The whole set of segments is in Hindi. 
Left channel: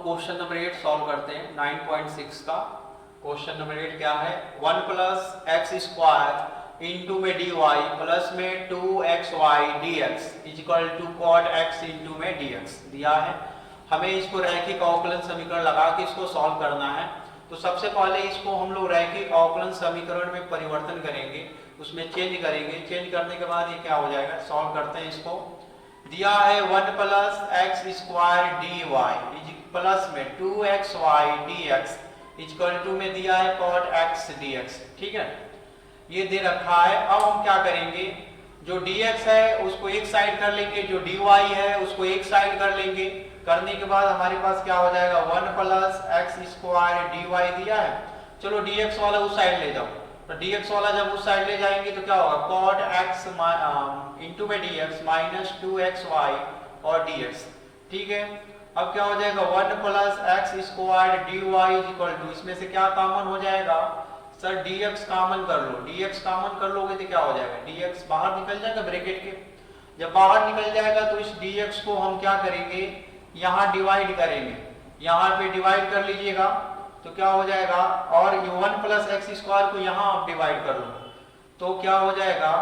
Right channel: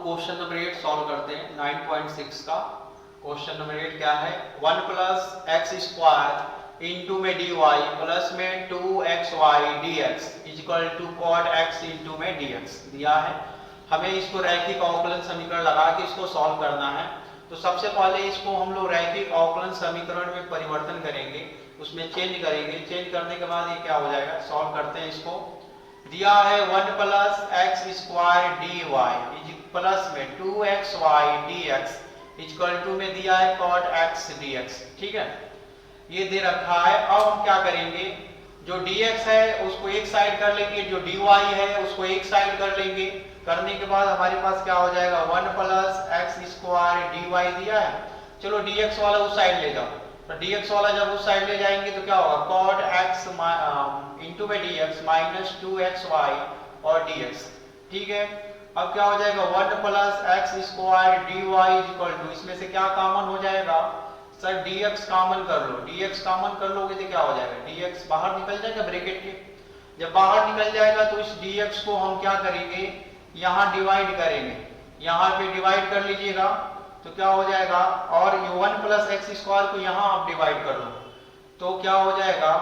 लोग क्वेश्चन नंबर 8 सॉल्व करते हैं 9.6 का। क्वेश्चन नंबर 8 क्या है, 1 प्लस एक्स स्क्वायर इंटू में डी वाई प्लस में 2xy dx is equal to cot x into में dx दिया है। हमें इसको रैखिक अवकलन समीकरण लगा के इसको सॉल्व करना है। तो सबसे पहले इसको हम लोग रैखिक अवकलन समीकरण में परिवर्तन करेंगे, उसमें चेंज करेंगे। चेंज करने के बाद ये क्या हो जाएगा, सॉल्व करते हैं इसको। दिया है 1 plus x square d y plus में 2xy dx इक्वल टू में दिया है cot x dx। ठीक है, ये दे रखा है। अब हम क्या करेंगे, जो dx है उसको एक साइड कर लेंगे, जो dy है उसको एक साइड कर लेंगे। करने के बाद हमारे पास क्या हो जाएगा, 1 plus x square d y दिया है। चलो dx वाला उस साइड ले जाओ, तो dx वाला जब उस साइड ले जाएंगे तो क्या होगा, cot x इंटू में dx माइनस 2xy और dx। ठीक है, अब क्या हो जाएगा, 1 plus x square d y equal to, इसमें से क्या कॉमन हो जाएगा सर, dx कॉमन कर लो। dx कॉमन कर लोगे तो क्या हो जाएगा, dx बाहर निकल जाएगा ब्रैकेट के। जब बाहर निकल जाएगा तो इस dx को हम क्या करेंगे, यहाँ डिवाइड करेंगे। यहाँ पे डिवाइड कर लीजिएगा तो क्या हो जाएगा, और 1 प्लस एक्स स्क्वायर को यहाँ आप डिवाइड कर लो तो क्या हो जाएगा,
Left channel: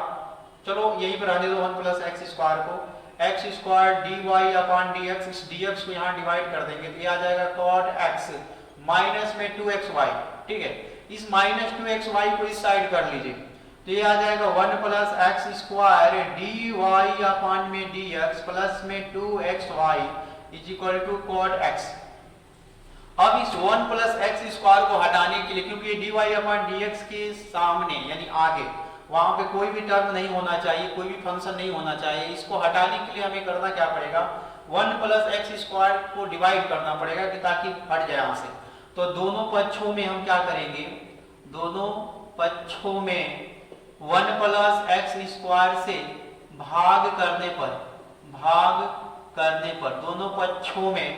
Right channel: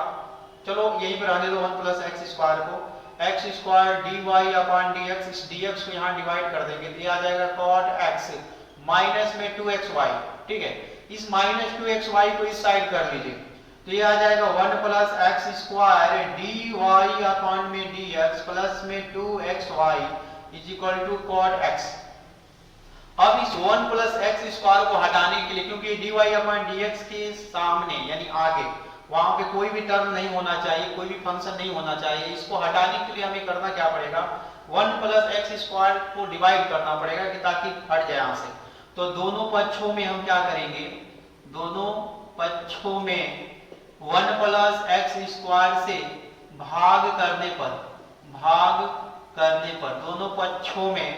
चलो यहीं पर रहने दो 1 प्लस एक्स स्क्वायर को, x square d y upon d x, इस डी एक्स को यहाँ डिवाइड कर देंगे तो ये आ जाएगा कॉट एक्स माइनस में 2xy। ठीक है, इस माइनस 2xy को इस साइड कर लीजिए तो ये आ जाएगा 1 plus x square d y upon में डी एक्स प्लस में 2xy is equal to cot x. अब इस 1 प्लस एक्स स्क्वायर को हटाने के लिए, क्योंकि d y upon d x के सामने यानी आगे वहां पे कोई भी टर्म नहीं होना चाहिए, कोई भी फंक्शन नहीं होना चाहिए। इसको हटाने के लिए हमें करना क्या पड़ेगा, 1 प्लस एक्स स्क्वायर को डिवाइड करना पड़ेगा कि ताकि हट जाए यहां से। तो दोनों पक्षों में हम क्या करेंगे, दोनों पक्षों में 1 प्लस एक्स स्क्वायर से भाग करने पर दोनों पक्षों में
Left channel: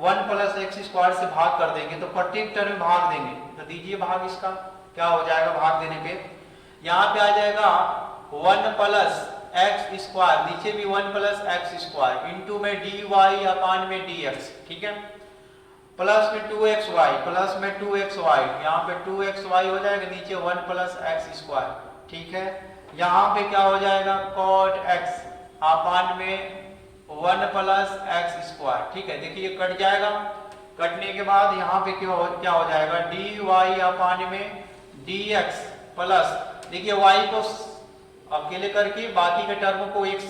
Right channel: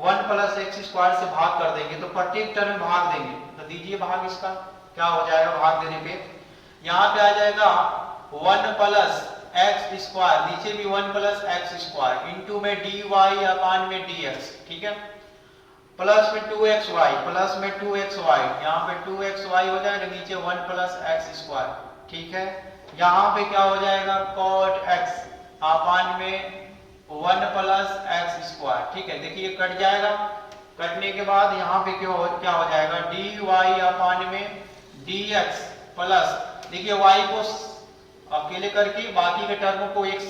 1 प्लस एक्स स्क्वायर से भाग कर देंगे तो प्रत्येक टर्म में भाग देंगे। तो दीजिए भाग, इसका क्या हो जाएगा, भाग देने पे यहाँ पे आ जाएगा 1 प्लस एक्स स्क्वायर, नीचे भी 1 प्लस एक्स स्क्वायर इंटू में डी वाई अपान में डी एक्स। ठीक है, प्लस में 2xy, प्लस में 2xy, यहाँ पे 2xy हो जाएगा, नीचे 1 प्लस एक्स स्क्वायर। ठीक है, यहाँ पे क्या हो जाएगा, cot x अपान में 1 प्लस एक्स स्क्वायर। ठीक है, देखिए कट जाएगा, कटने के बाद यहाँ पे क्या हो जाएगा, डी वाई अपान में डी एक्स प्लस, देखिए y को अकेले करके बाकी के टर्म को एक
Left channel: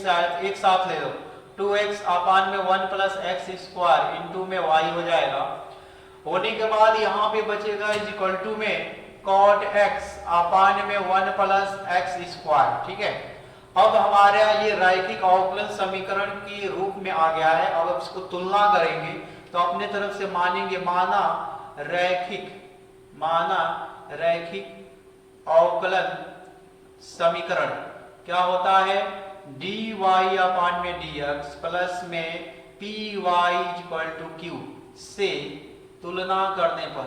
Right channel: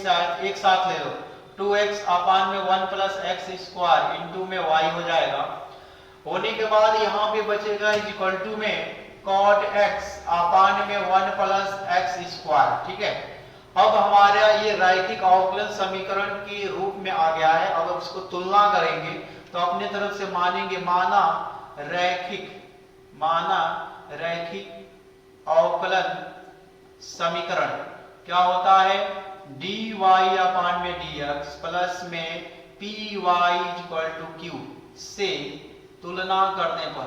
साथ ले लो, 2x अपान में 1 प्लस एक्स स्क्वायर इंटू में y हो जाएगा। होने के बाद यहाँ पे बचेगा इज इक्वल टू में cot x अपान में 1 प्लस एक्स स्क्वायर। ठीक है, अब हमारा ये रैखिक अवकलन समीकरण के रूप में आ गया है। अब इसको तुलना करेंगे तो अपने तरफ से मानेंगे, माना रैखिक अवकलन समीकरण क्या होता है, dy अपान में dx प्लस में py इक्वल टू q से तुलना करने पर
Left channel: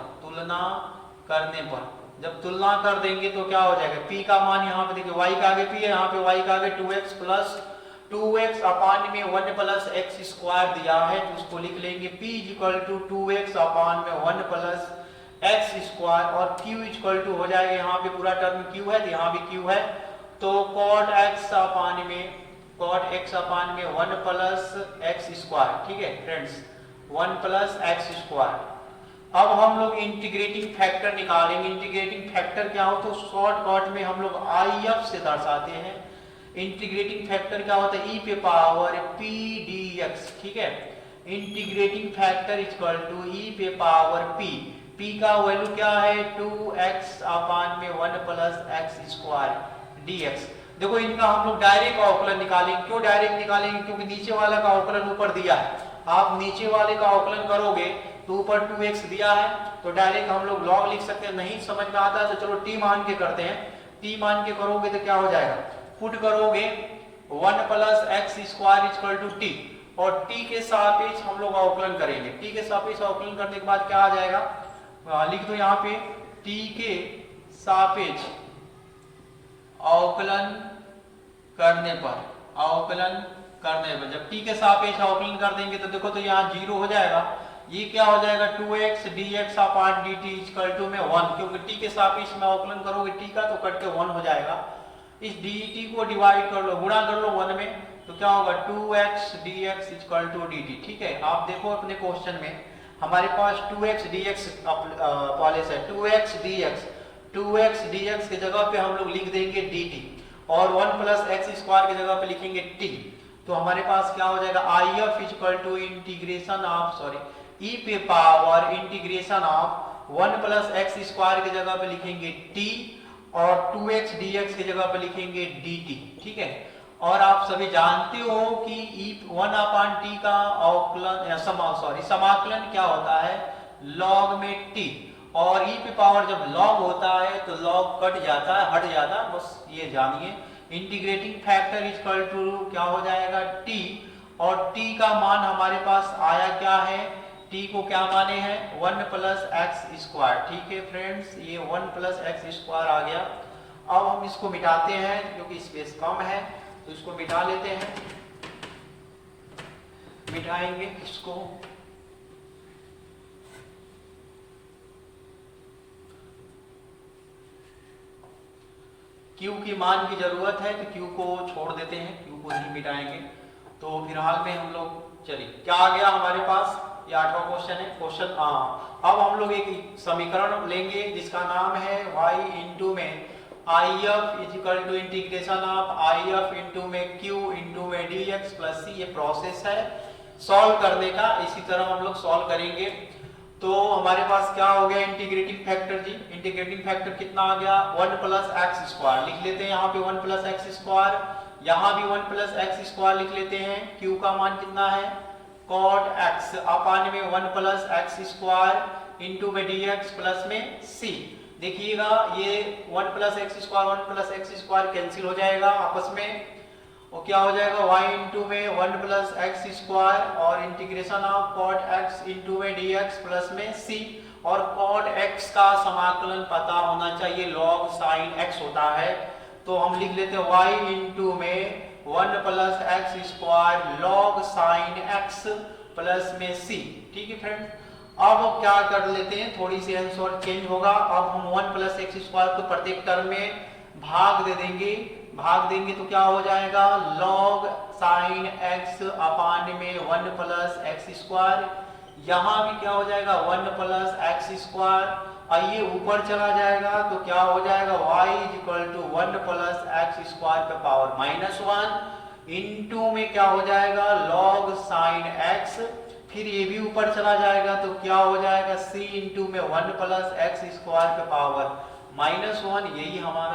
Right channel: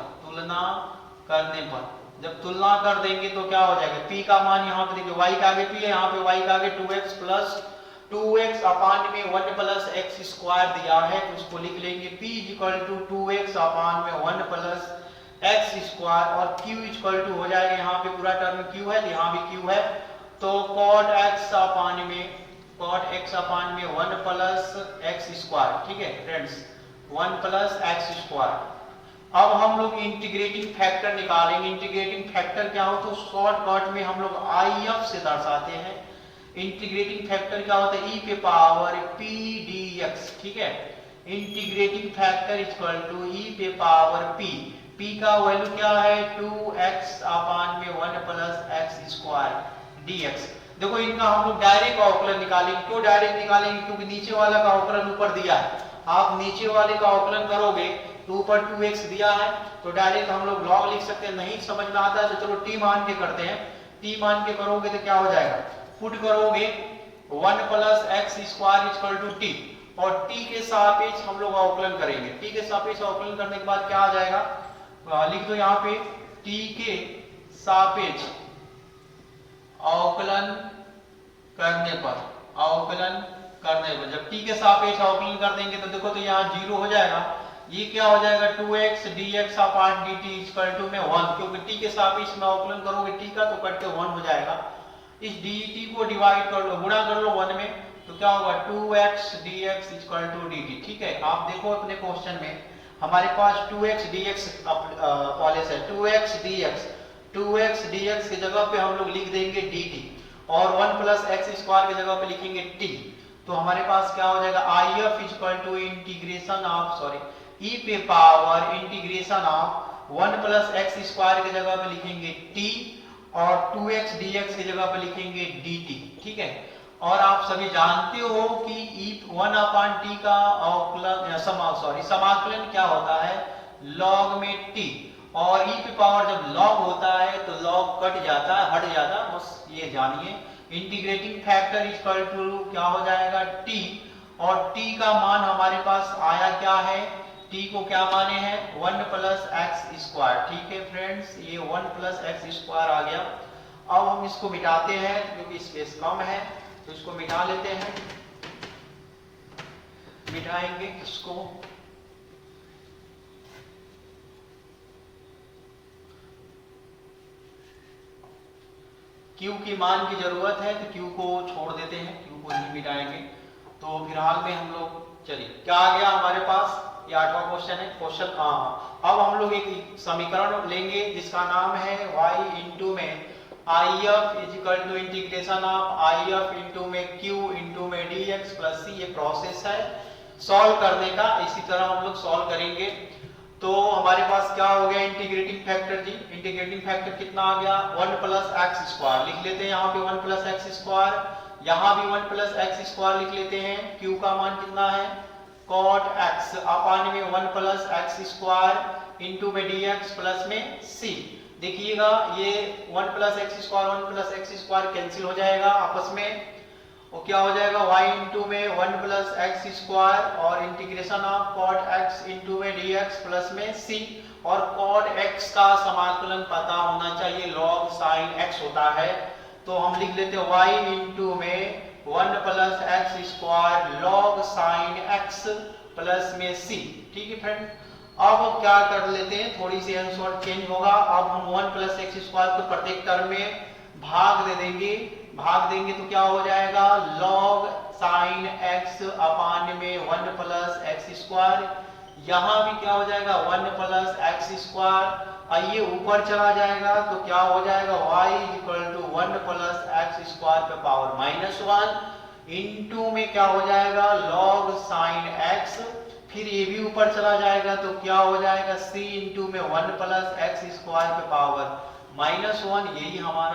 जब तुलना कर देंगे तो क्या हो जाएगा, p का मान यहाँ पे देखिए y का आगे p है, यहाँ पे y का आगे 2x प्लस 2x अपान में 1 प्लस एक्स स्क्वायर दिया है तो उसको लिख लेंगे p इक्वल टू 2x अपान में 1 प्लस एक्स स्क्वायर और q इक्वल टू हो जाएगा, यहाँ पे पूरा टर्म q है तो यहाँ भी q है, तो cot x अपान में 1 प्लस एक्स स्क्वायर। ठीक है फ्रेंड्स, 1 प्लस एक्स स्क्वायर। अब हम लोग इंटीग्रेटिंग फैक्टर निकालेंगे। इंटीग्रेटिंग फैक्टर क्या हो तो शॉर्टकट में हम लोग IF से दर्शाते हैं। इंटीग्रेटिंग फैक्टर क्या होता है, e पे पावर p dx। ठीक है, integrating factor equal to e पे पावर p का वैल्यू क्या है, 2x अपान में 1 प्लस एक्स स्क्वायर dx। देखो इनका हम लोग डायरेक्ट अवकलन निकालेंगे। क्यों डायरेक्ट निकालेंगे, क्योंकि नीचे वाला का अवकलन ऊपर दिया है। आप नीचे वाले का अवकलन करोगे तो ऊपर 2x दिया है तो डायरेक्ट हम लोग लॉग लिख सकते हैं। नहीं समझ में आता है तो चलो t मान के करते हैं। t मान के करोगे तो क्या हो जाएगा, पुट करोगे 1 plus x square equal to t और t के सापेक्ष हम लोग अवकलन करेंगे। t के सापेक्ष अवकलन करने के बाद क्या आ जाएगा, लिख दो यहाँ पे t के सापेक्ष अवकलन करने पर जब t के सापेक्ष अवकलन कर देंगे तो देखो तो यहाँ 0 हो जाएगा। ये क्या हो जाएगा 2x dx upon dt equal to में 1, क्योंकि t के सापेक्ष में अवकलन करोगे t का तो कट के 1 हो जाएगा। इस dt को डिवाइड कर लो, गुणा कर लो 1 में, तो क्या होगा 2x dx equal to dt। ठीक है, आप देखो अपने क्वेश्चन में हमारे पास 2x dx पॉलिस है, 2x dx की जगह पे हम लोग लिख देंगे dt और 1 प्लस एक्स स्क्वायर की जगह पे लिखेंगे t। तो हमारे पास क्या हो जाएगा if equal to integration of e पे power integration of 1 plus x square की जगह पे लिखेंगे t और 2x dx की जगह पे लिखेंगे dt। ठीक है, और आप सभी जानते हो कि e1 अपान t का अवकलन समाकलन क्या होता है log में t, और e पे पावर जब log होता है तो log कट जाता है, हट जाता है, बस ये जानिए। इंटीग्रेटिंग फैक्टर इक्वल टू क्या हो जाएगा t, और t का मान हमारे पास आया क्या है, t को क्या माने हैं 1 प्लस एक्स स्क्वायर। ठीक है फ्रेंड्स, ये 1 प्लस एक्स स्क्वायर आ गया। अब हम इसको मिटाते हैं क्योंकि स्पेस कम है, तो इसको मिटा लेते हैं, मिटाएंगे इसको। q की मान की जरूरत है तो q को छोड़ देते हैं, q को नहीं मिटाएंगे। तो फिलहाल में हम लोग चलिए क्या आ गया हमारे पास, ये 8वां क्वेश्चन है। क्वेश्चन अब हम लोग एक समीकरण लेंगे जिसका नाम है y इंटू में if is equal to integration of if into में q इंटू में dx प्लस c। ये प्रोसेस है सॉल्व करने का, इसी तरह हम लोग सॉल्व करेंगे। तो हमारे पास क्या हो गया integrating factor G, integrating factor कितना आ गया 1 प्लस एक्स स्क्वायर, लिख लेते हैं यहाँ पे 1 प्लस एक्स स्क्वायर, यहाँ भी 1 प्लस एक्स स्क्वायर लिख लेते हैं। q का मान कितना है cot x अपान में 1 प्लस एक्स स्क्वायर इंटू में dx प्लस में c। देखिएगा ये 1 plus x square 1 plus x square cancel हो जाएगा आपस में, और क्या हो जाएगा y इंटू में 1 प्लस एक्स स्क्वायर और integration of cot x into में dx प्लस में c। और cot x का समाकलन पता होना चाहिए log sin x होता है, तो हम लिख लेते हैं y इंटू में 1 plus x square log sin x plus में c। ठीक है फ्रेंड, अब क्या कर लेते हैं, थोड़ी सी आंसर चेंज होगा। अब हम 1 प्लस एक्स स्क्वायर को प्रत्येक टर्म में भाग दे देंगे, भाग देंगे तो क्या हो जाएगा log sin x अपान में 1 प्लस एक्स स्क्वायर, यहाँ भी क्या हो जाएगा 1 प्लस एक्स स्क्वायर। आइए ऊपर चला जाएगा तो क्या हो जाएगा y is equal to 1 plus x square पे पावर -1 इंटू में क्या हो जाएगा log sin x, फिर ये भी ऊपर चला जाएगा तो क्या हो जाएगा c इंटू में 1 प्लस एक्स स्क्वायर पे पावर -1। यही हमारा